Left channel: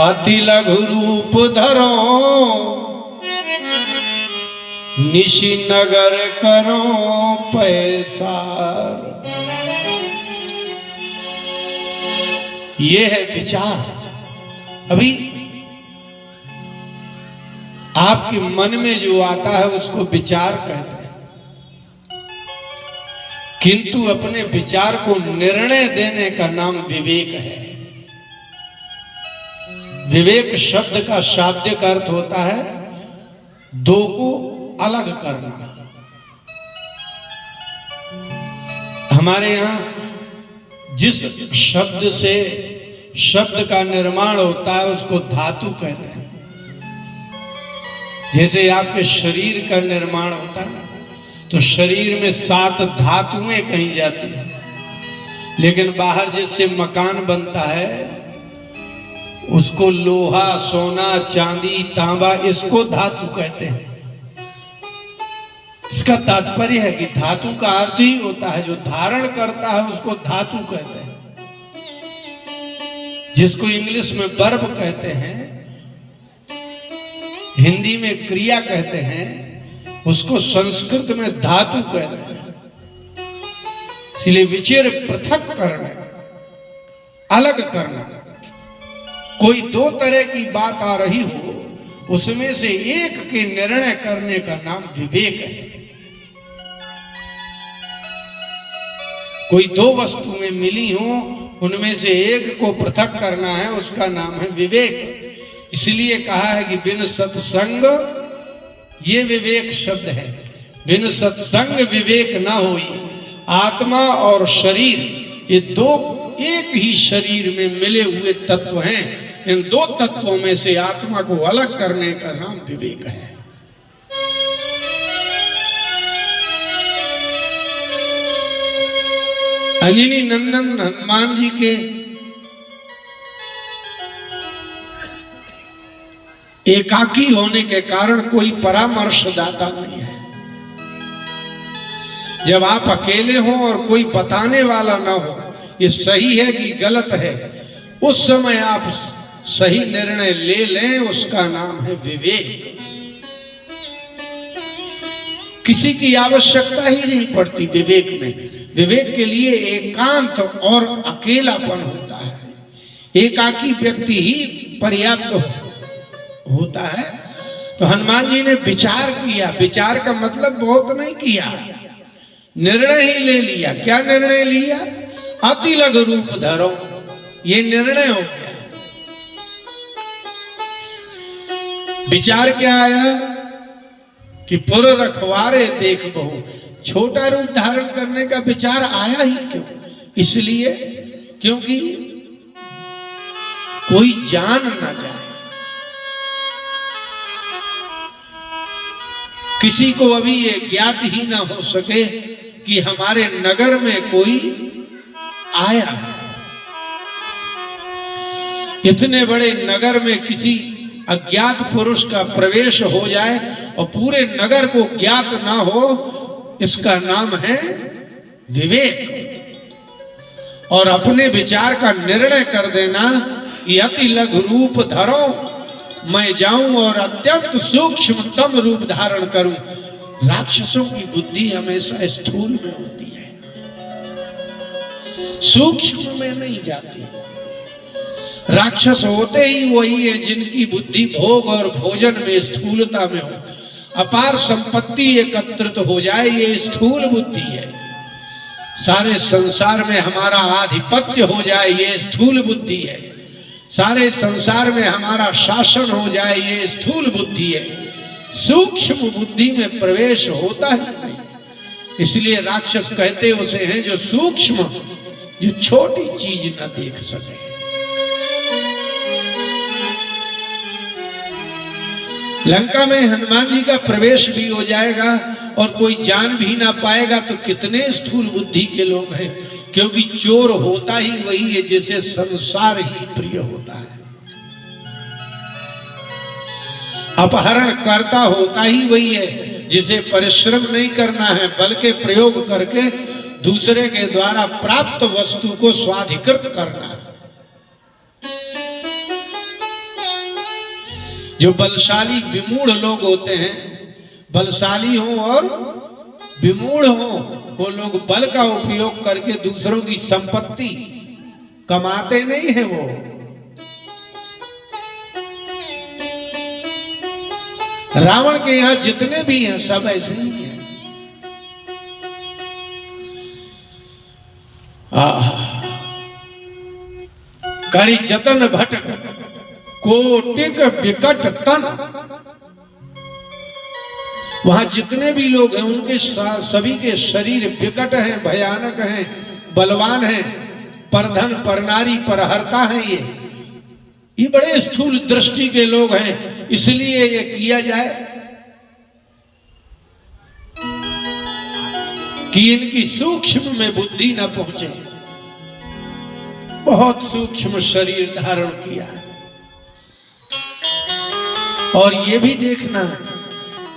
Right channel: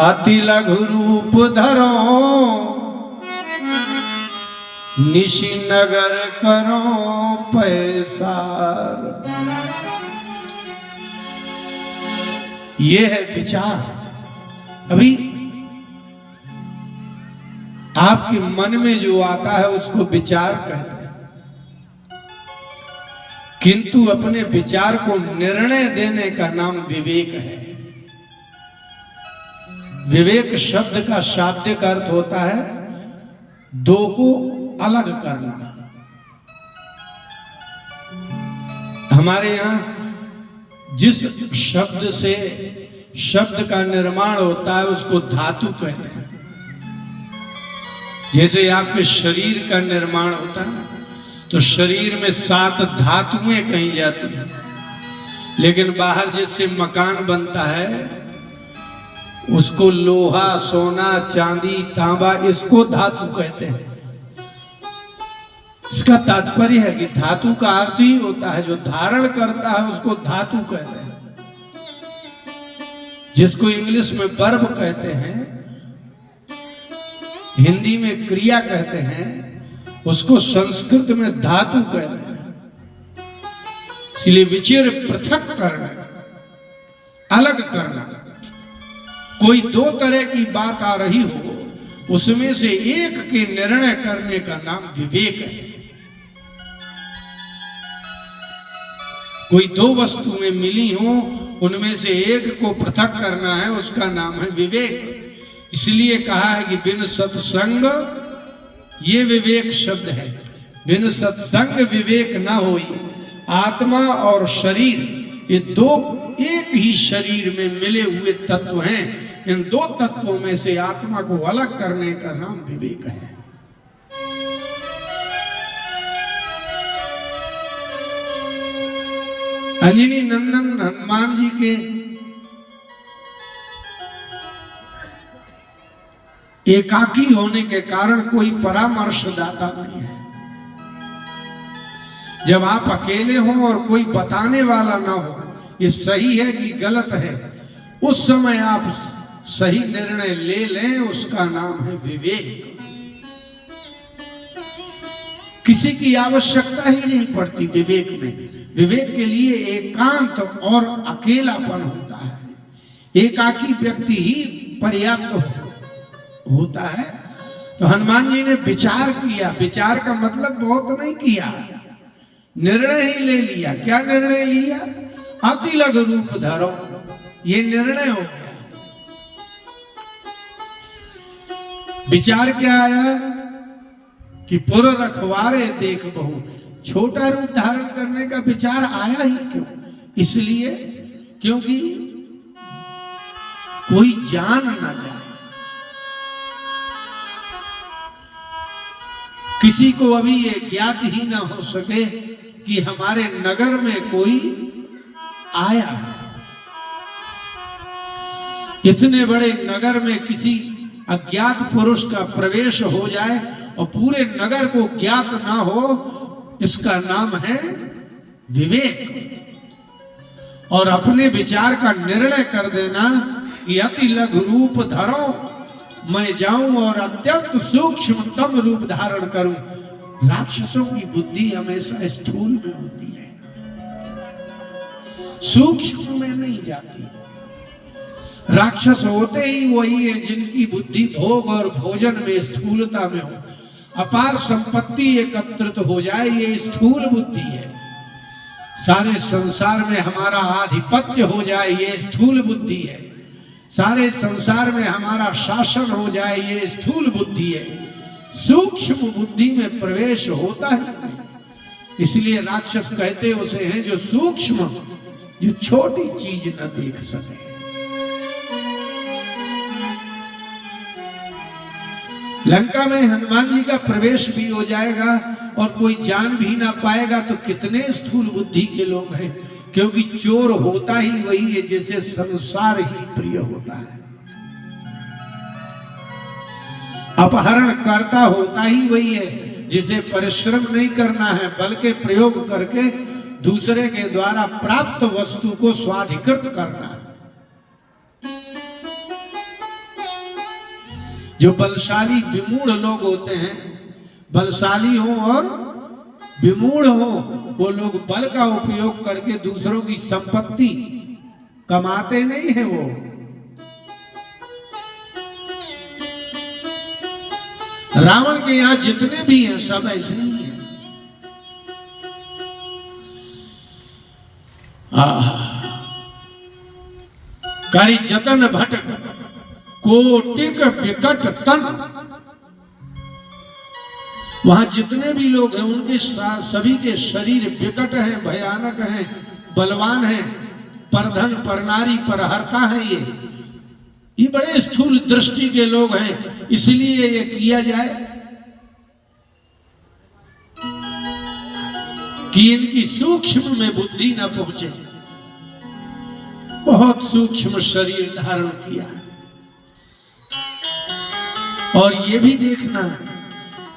अति लघु रूप धरो निशि नगर करो पैसार। ये है विचार। अभी आपके मन में जो आता है उसको विचार कहते हैं, किंतु अपने विचार को निर्णय देने का नाम विवेक है। विवेक शब्द का शाब्दिक अर्थ होता है दो को अलग करना। हमारे यहां जिस शब्द से शब्द का निर्माण होता है उसको धातु कहते हैं। जैसे आपके शरीर का निर्माण होता है तो शरीर में 7 धातुएं कही जाती हैं, लेकिन बाहर जिससे मकान बनता है उसको लोहा, सोना, चांदी, तांबा, इसको धातु कहते हैं। इसका तात्पर्य है कि धातु का अर्थ ही होता है जो धारण करता है उसको धातु कहते हैं। जिसको इंग्लिश में वर्ब कहते हैं, हिंदी में क्रिया कहते हैं, उसको संस्कृत में धातु कहते हैं। इसलिए विचार पृथक करना, अलग करना। कोई 2 तरह की बात आ रही हो उसमें से एक के निर्णय करने का नाम विवेक है। कोई 2 वस्तुएं मिली हो उनमें से एक को पृथक करना है, उसका नाम है विवेक। इसलिए कहा है कि बिन सत्संग, ये विवेक शब्द है, बिन सत्संग विवेक ना होई। आत्मा और शरीर ये 2 एक ही शरीर में मिले हुए तत्व हैं। इन 2 तत्वों में से आत्मा को अलग करने का नाम विवेक है। अंजनी नंदन हनुमान जी के एकाकी होने के कारण कोई परामर्शदाता नहीं है। जब आप अकेले हो और कोई बताने वाला ना हो ये सही है कि गलत है, उस समय आप सही निर्णय ले लें, उसका नाम है विवेक। किसी की आवश्यकता ही नहीं पड़ती विवेक में। विवेक के लिए एकांत और अकेलापन होता है। एकाकी व्यक्ति ही पर्याप्त होता है। तो हनुमान जी ने विचार किया। विचार का मतलब बहुत नहीं किया, निर्णय ही ले लिया। क्या निर्णय लिया? अति लघु रूप धरो, ये निर्णय हो गया। विचार क्या आया कि पुर रखवारे देख बहु, छोटा रूप धारण करने का विचार आया ही क्यों? इसलिए क्योंकि कोई जान ना जाए, किसी को अभी ये ज्ञात ही ना हो सके कि हमारे नगर में कोई आया। इतने बड़े नगर में किसी अज्ञात पुरुष का प्रवेश हो जाए और पूरे नगर को ज्ञात ना हो, इसका नाम है विवेक। और अपने विचार का निर्णय कर देना कि अति लघु रूप धरो, मैं जाऊं और अत्यंत सूक्ष्मतम रूप धारण करूं। राक्षसों की बुद्धि हमेशा स्थूल में होती है, सूक्ष्म में नहीं जाती। राक्षस होते ही वही है जिनकी बुद्धि भोग और भोजन में, स्थूलता में हो। अपार संपत्ति एकत्रित हो जाए, ये स्थूल बुद्धि है। सारे संसार में हमारा आधिपत्य हो जाए, ये स्थूल बुद्धि है। सारे संसार में हमारा शासन हो जाए, ये स्थूल बुद्धि है। सूक्ष्म बुद्धि में प्रवेश होता है नहीं। इसलिए राक्षस कहते उसे हैं जो सूक्ष्म, जो छोटी चीज न देख सके। लंका में हनुमान जी का प्रवेश भी हो जाएगा और कोई जान भी ना पाएगा, तो कितने स्थूल बुद्धि के लोग हैं। क्योंकि चोर होता ही वही है जिसे संसार ही प्रिय होता है। अपहरण करता होता ही वही है जिसे परिश्रम नहीं करना है, बल्कि प्रयोग करके दूसरे के द्वारा प्राप्त वस्तु को स्वाधिकृत करना। जो बलशाली विमूढ़ लोग होते हैं, बलशाली हो और विमूढ़ हो, वो लोग बल का उपयोग करके दूसरों की संपत्ति कमाते नहीं है। वो रावण के यहां जितने भी हैं सब ऐसे ही हैं। करी जतन भट कोटिक विकट तन। वहां जितने भी लोग हैं उनके सभी के शरीर विकट हैं, भयानक हैं, बलवान हैं, परधन परनारी परहर्ता हैं। ये बड़े स्थूल दृष्टि के लोग हैं, इसलिए ये किया जाए कि इनकी सूक्ष्म में बुद्धि न पहुंचे। बहुत सूक्ष्म शरीर धारण किया। और ये भी देखना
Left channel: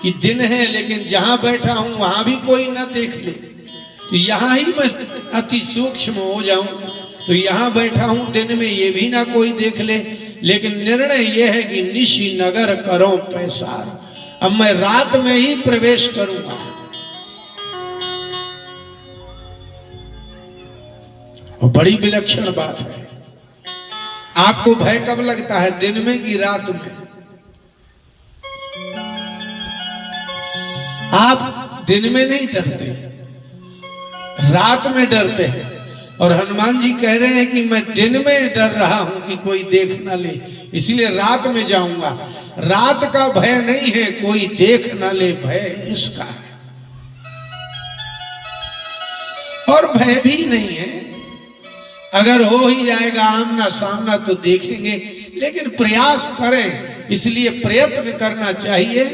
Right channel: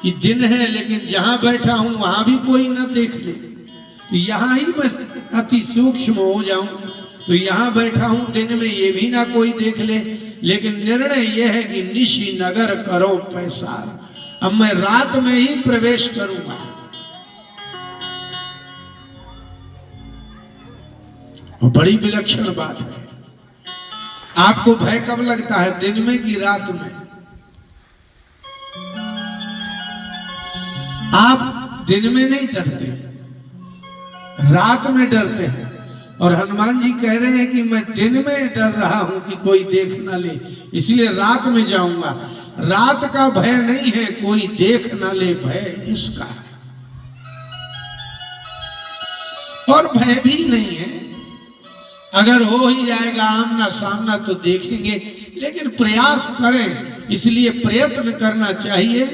कि दिन है लेकिन जहां बैठा हूं वहां भी कोई ना देख ले, तो यहां ही मैं अति सूक्ष्म हो जाऊं, तो यहां बैठा हूं दिन में ये भी ना कोई देख ले। लेकिन निर्णय यह है कि निशि नगर करो पैसार, अब मैं रात में ही प्रवेश करूंगा। और बड़ी विलक्षण बात है। आपको भय कब लगता है, दिन में कि रात में? आप दिन में नहीं डरते, रात में डरते हैं। और हनुमान जी कह रहे हैं कि मैं दिन में डर रहा हूं कि कोई देख ना ले, इसलिए रात में जाऊंगा। रात का भय नहीं है कोई देख ना ले, भय इसका है। और भय भी नहीं है, अगर हो ही जाएगा आमना सामना तो देखेंगे, लेकिन प्रयास करें। इसलिए प्रयत्न करना चाहिए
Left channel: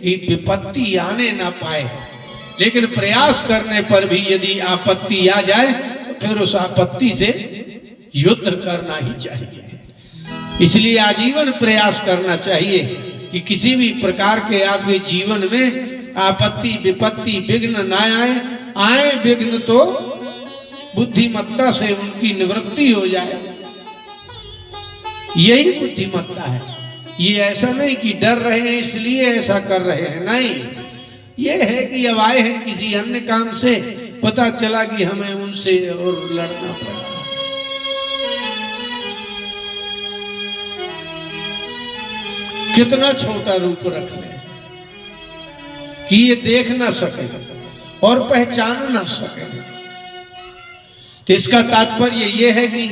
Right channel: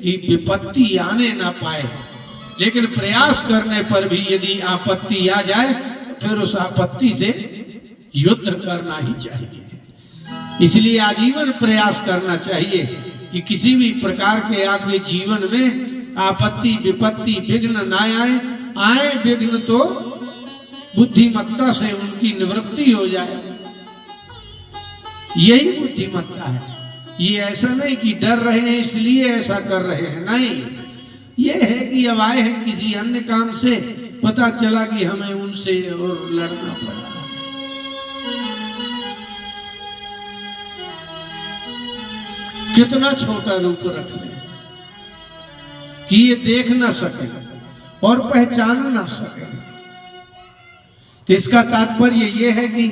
कि विपत्ति आने ना पाए, लेकिन प्रयास करने पर भी यदि आपत्ति आ जाए तो फिर उस आपत्ति से युद्ध करना ही चाहिए। इसलिए आजीवन प्रयास करना चाहिए कि किसी भी प्रकार के आपके जीवन में आपत्ति विपत्ति विघ्न ना आए। आए विघ्न तो बुद्धिमत्ता से उनकी निवृत्ति हो जाए, यही बुद्धिमत्ता है। ये ऐसा नहीं कि डर रहे हैं इसलिए ऐसा कर रहे हैं, नहीं। ये है कि अब आए हैं किसी अन्य काम से, पता चला कि हमें उनसे और लड़ना पड़ा। कितना छोटा रूप रख ले कि ये देख ना सके और पहचान ना सके। तो इसका तात्पर्य यह है कि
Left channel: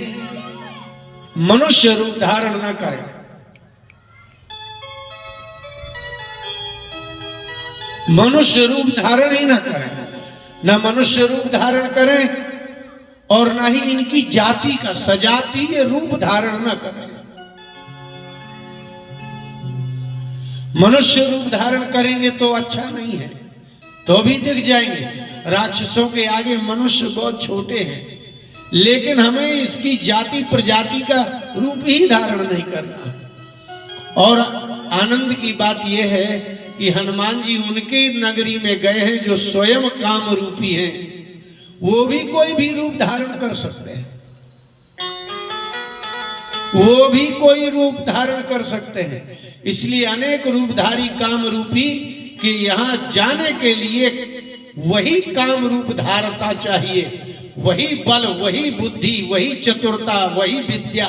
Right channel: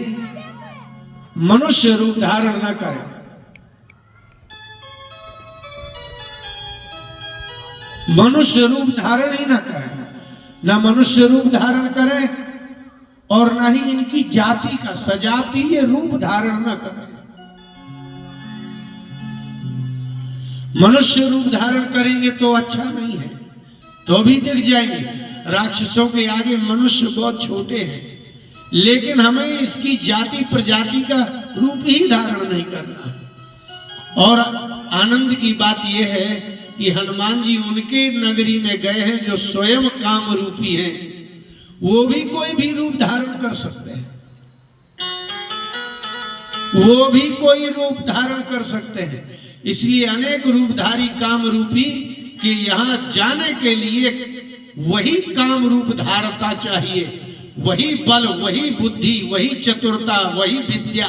मनुष्य रूप धारण ना करे, मनुष्य रूप धारण ही ना करें, न मनुष्य रूप धारण करें और न ही इनकी जाति का सजातीय रूप धारण न करें। मनुष्य रूप धारण करेंगे तो अच्छा नहीं है, तो भी दिख जाएंगे। राक्षसों के आगे मनुष्य बहुत छोटे हैं, लेकिन हमें इसकी जाति प्रजाति का रूप ही धारण नहीं करना। और आनंद की बात यह है कि हनुमान जी उनके नगरी में गए हैं जो स्वयं काम रूपी हैं, वो भी कोई भी रूप धारण कर सकते हैं, वो भी कोई रूप धारण कर सकते हैं। इसलिए अनेक रूपधारी काम रूपी के यहाँ जाने के लिए वही काम रूप धारता चाहिए, वही बल, वही बुद्धि, वही चतुरता, वही विद्या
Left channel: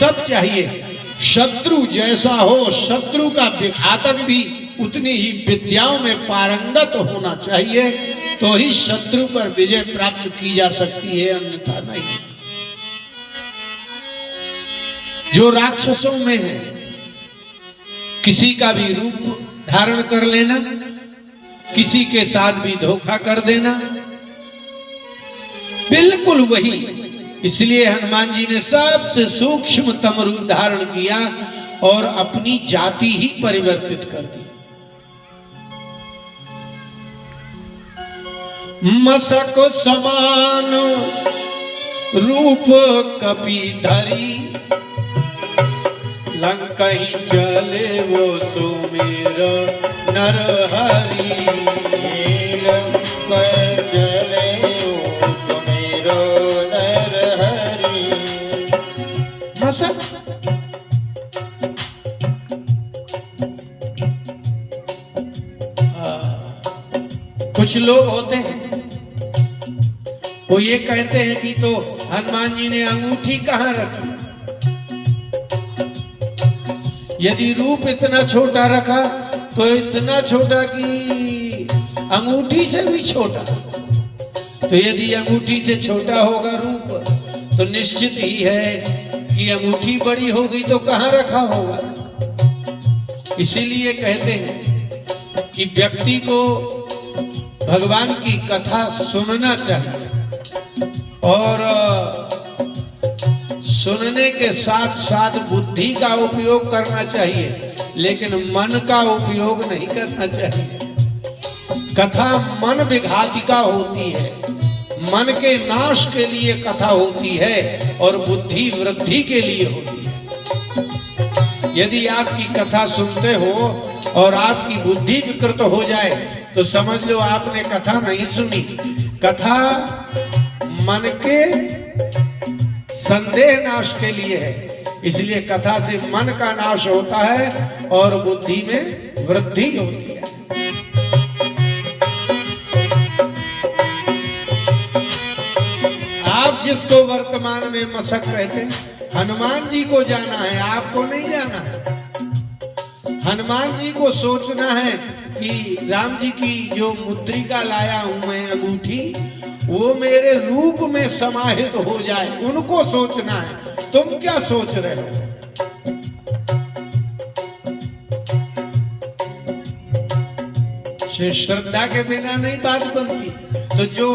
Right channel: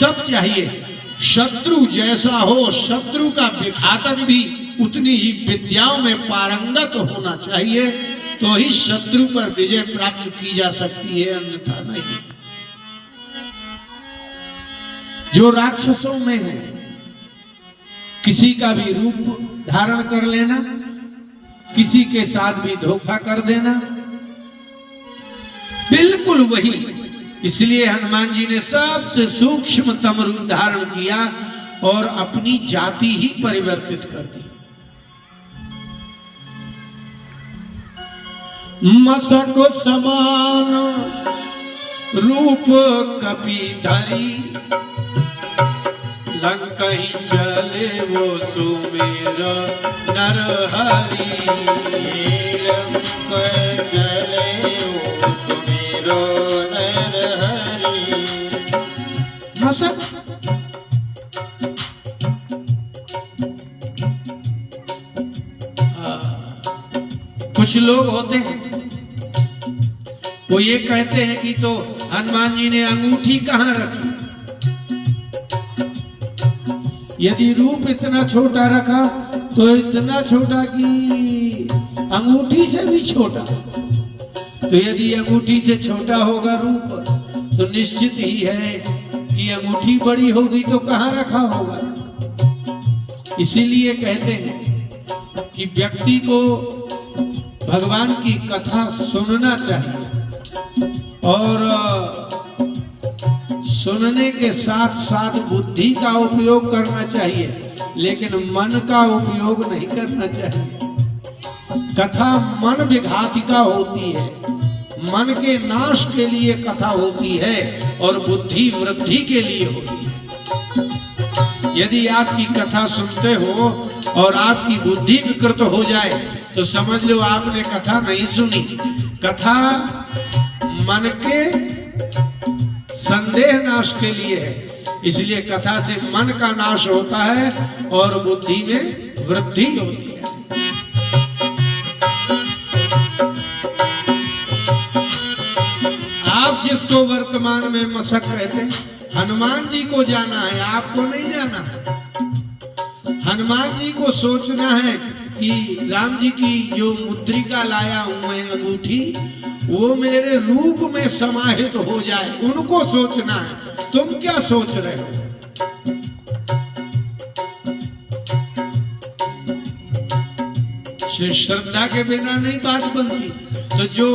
सब चाहिए। शत्रु जैसा हो, शत्रु का विघातक भी उतनी ही विद्याओं में पारंगत होना चाहिए, तो ही शत्रु पर विजय प्राप्त की जा सकती है, अन्यथा नहीं। जो राक्षसों में है, किसी का भी रूप धारण कर लेना, किसी के साथ भी धोखा कर देना, बिल्कुल वही। इसलिए हनुमान जी ने सबसे सूक्ष्मतम रूप धारण किया और अपनी जाति ही परिवर्तित कर दी। मसक समान रूप कपि धरी, लंकहि चले वो सुमेर नर हरि। लंकहि चले वो सुमेर नर हरि। मसक लोग होते हैं, वो ये कहते हैं कि तो हनुमान जी ने अंगूठी कहाँ रखी। यदि रूप इतना छोटा रखा तो इतना छोटा कि अंगूठी से भी छोटा। तो यदि अंगूठी से छोटा होगा रूप तो निश्चित ही है कि अंगूठी बड़ी होगी तो कहाँ रखा होगा। इसीलिए कहते हैं कि व्यक्ति को भगवान की कथा सुनना चाहिए और सुनने के साथ साथ बुद्धि का उपयोग करना चाहिए, लेकिन मन का उपयोग नहीं करना चाहिए। कथा मन विघातिका होती है, मन के नाश के लिए कथा होती है और बुद्धि वृद्धि के लिए होती है। यदि आपकी कथा सुनते हो और आपकी बुद्धि विकृत हो जाए तो समझ लो आपने कथा नहीं सुनी। कथा मन के संदेह नाश के लिए है, इसलिए कथा से मन का नाश होता है और बुद्धि में वृद्धि होती है। आप जिसको वर्तमान में मशक कहते हैं, हनुमान जी को जाना है, आपको नहीं जाना है। हनुमान जी को सोचना है कि राम जी की जो मुद्रिका लाया हूं मैं अंगूठी, वो मेरे रूप में समाहित हो जाए, उनको सोचना है। तुम क्या सोच रहे हो? श्रद्धा के बिना नहीं बात बनती। तो जो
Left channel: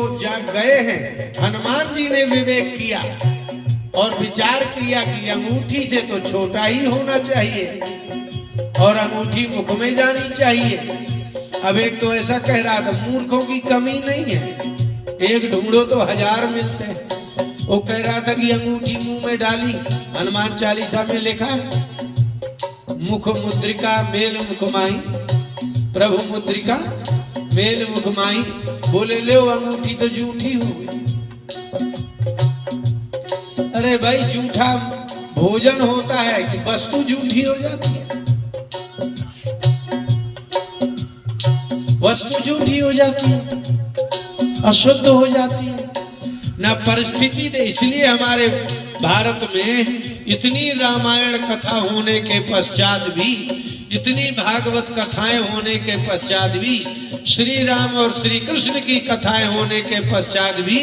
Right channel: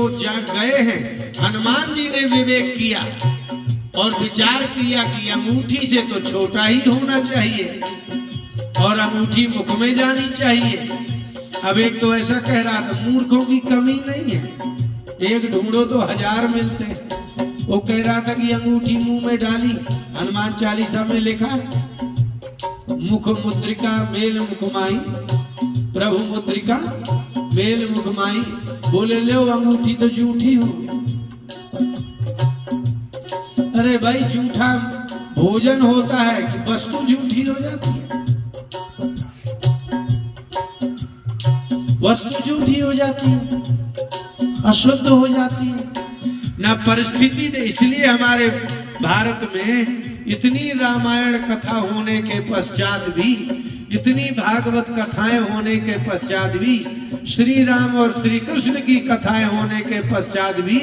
गए हैं, हनुमान जी ने विवेक किया और विचार किया कि अंगूठी से तो छोटा ही होना चाहिए और अंगूठी मुख में जानी चाहिए। अब एक तो ऐसा कह रहा था, मूर्खों की कमी नहीं है, एक ढूंढो तो 1000 मिलते हैं। वो कह रहा था कि अंगूठी मुंह में डाली, हनुमान चालीसा में लिखा है मुख मुद्रिका मेल मुखमाई, प्रभु मुद्रिका मेल मुखमाई। बोले लो अंगूठी तो झूठी होगी। अरे भाई, झूठा भोजन होता है कि वस्तु झूठी हो जाती है? वस्तु झूठी हो जाती है, अशुद्ध हो जाती है ना परिस्थिति दे। इसलिए हमारे भारत में इतनी रामायण कथा होने के पश्चात भी, इतनी भागवत कथाएं होने के पश्चात भी, श्री राम और श्री कृष्ण की कथाएं होने के पश्चात भी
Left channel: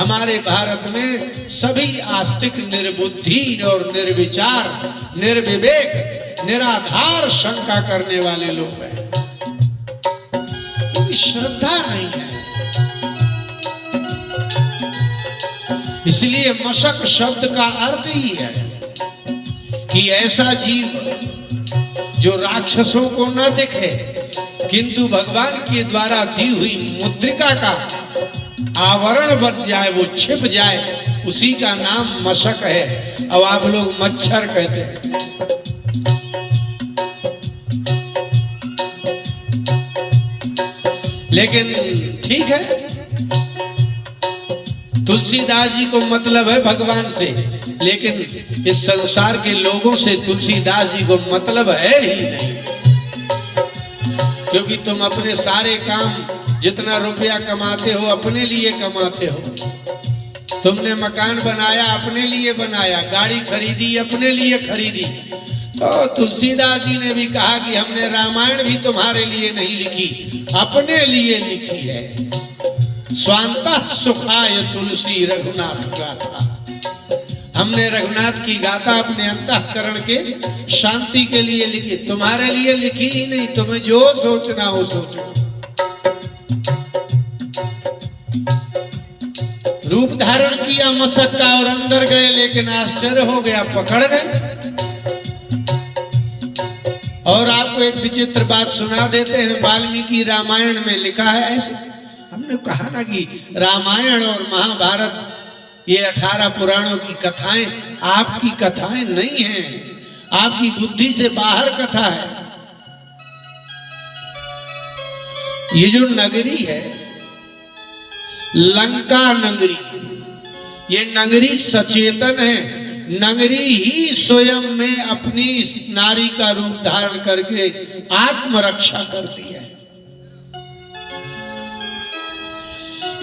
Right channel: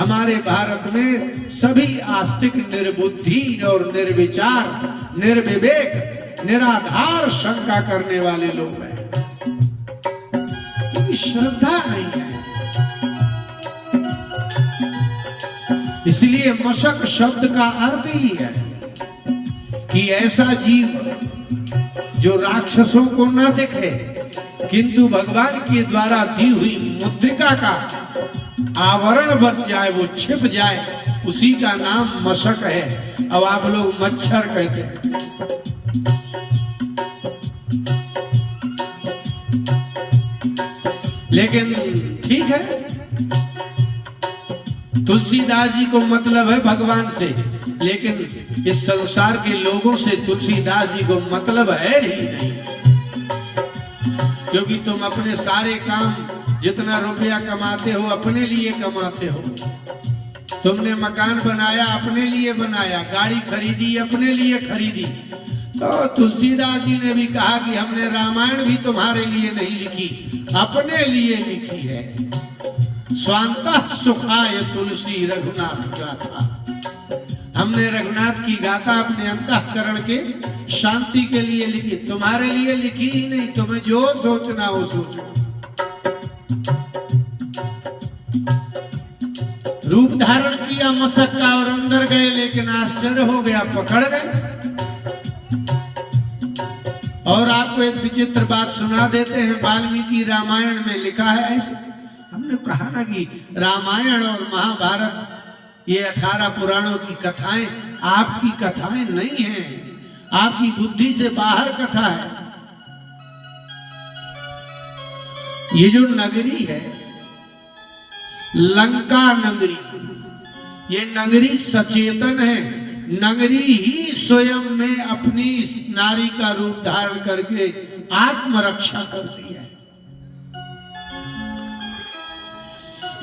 हमारे भारत में सभी आस्तिक निर्बुद्धि और निर्विचार, निर्विवेक, निराधार शंका करने वाले लोग हैं। श्रद्धा नहीं है। इसलिए मशक शब्द का अर्थ ही है कि ऐसा जीव जो राक्षसों को न दिखे किंतु भगवान के द्वारा दी हुई मुद्रिका का आवरण बन जाए, वो छिप जाए, उसी का नाम मशक है। अब आप लोग मच्छर कहते हैं। लेकिन ठीक है, तुलसीदास जी को मतलब है भगवान से, लेकिन इस संसार के लोगों से तुलसीदास जी को मतलब है ही नहीं। क्योंकि तुम अपने सारे काम, जितना रुपया कमाते हो अपने लिए कमाते हो। तुमने मकान बनाया अपने लिए बनाया, गाड़ी खरीदी अपने लिए खरीदी। तो तुलसीदास जी ने भी कहा कि हमने रामायण भी तुम्हारे लिए नहीं लिखी, अपने लिए लिखी है। स्वांतः सुखाय तुलसी रघुनाथ गाथा। हमने रघुनाथ की गाथा अपने अंतःकरण के शांति के लिए लिखी, तुम्हारे लिए लिखी ही नहीं। तुम्हें जो सोचना हो सोचो। रूप धारण किया मशक का और अंदर गए, लेकिन आश्चर्य हो गया, पकड़ गए। और आपको एक विचित्र बात सुना देते हैं। वाल्मीकि रामायण में लिखा है ऐसे, हमने कहा ना कि रामायण और महाभारत ये 18 पुराणों की कथाएं आपकी कथाएं नहीं हैं, आपकी बुद्धि से बाहर कथा है। ये जो नगरी है लंका नगरी, ये नगरी सचेतन है। नगरी ही स्वयं में अपनी नारी का रूप धारण करके आत्मरक्षा करती है।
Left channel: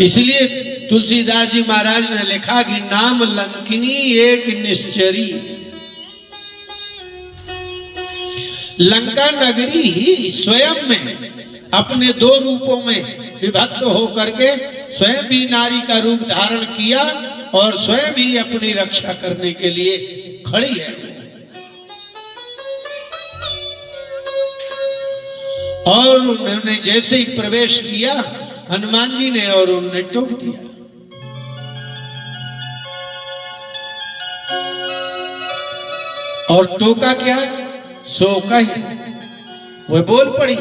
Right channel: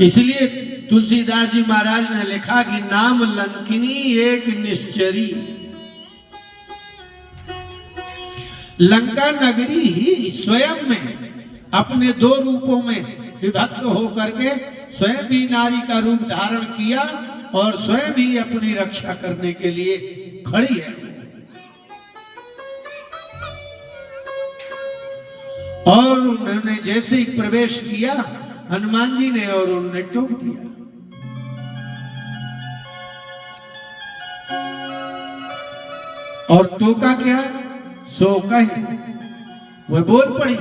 इसलिए तुलसीदास जी महाराज ने लिखा कि नाम लंकिनी एक निश्चरी। लंका नगरी ही स्वयं में अपने दो रूपों में विभक्त होकर के स्वयं भी नारी का रूप धारण किया और स्वयं भी अपनी रक्षा करने के लिए खड़ी है। और उन्होंने जैसे ही प्रवेश किया हनुमान जी ने और उन्हें टोक दिया। और टोका क्या? सो कही, वह बोल पड़ी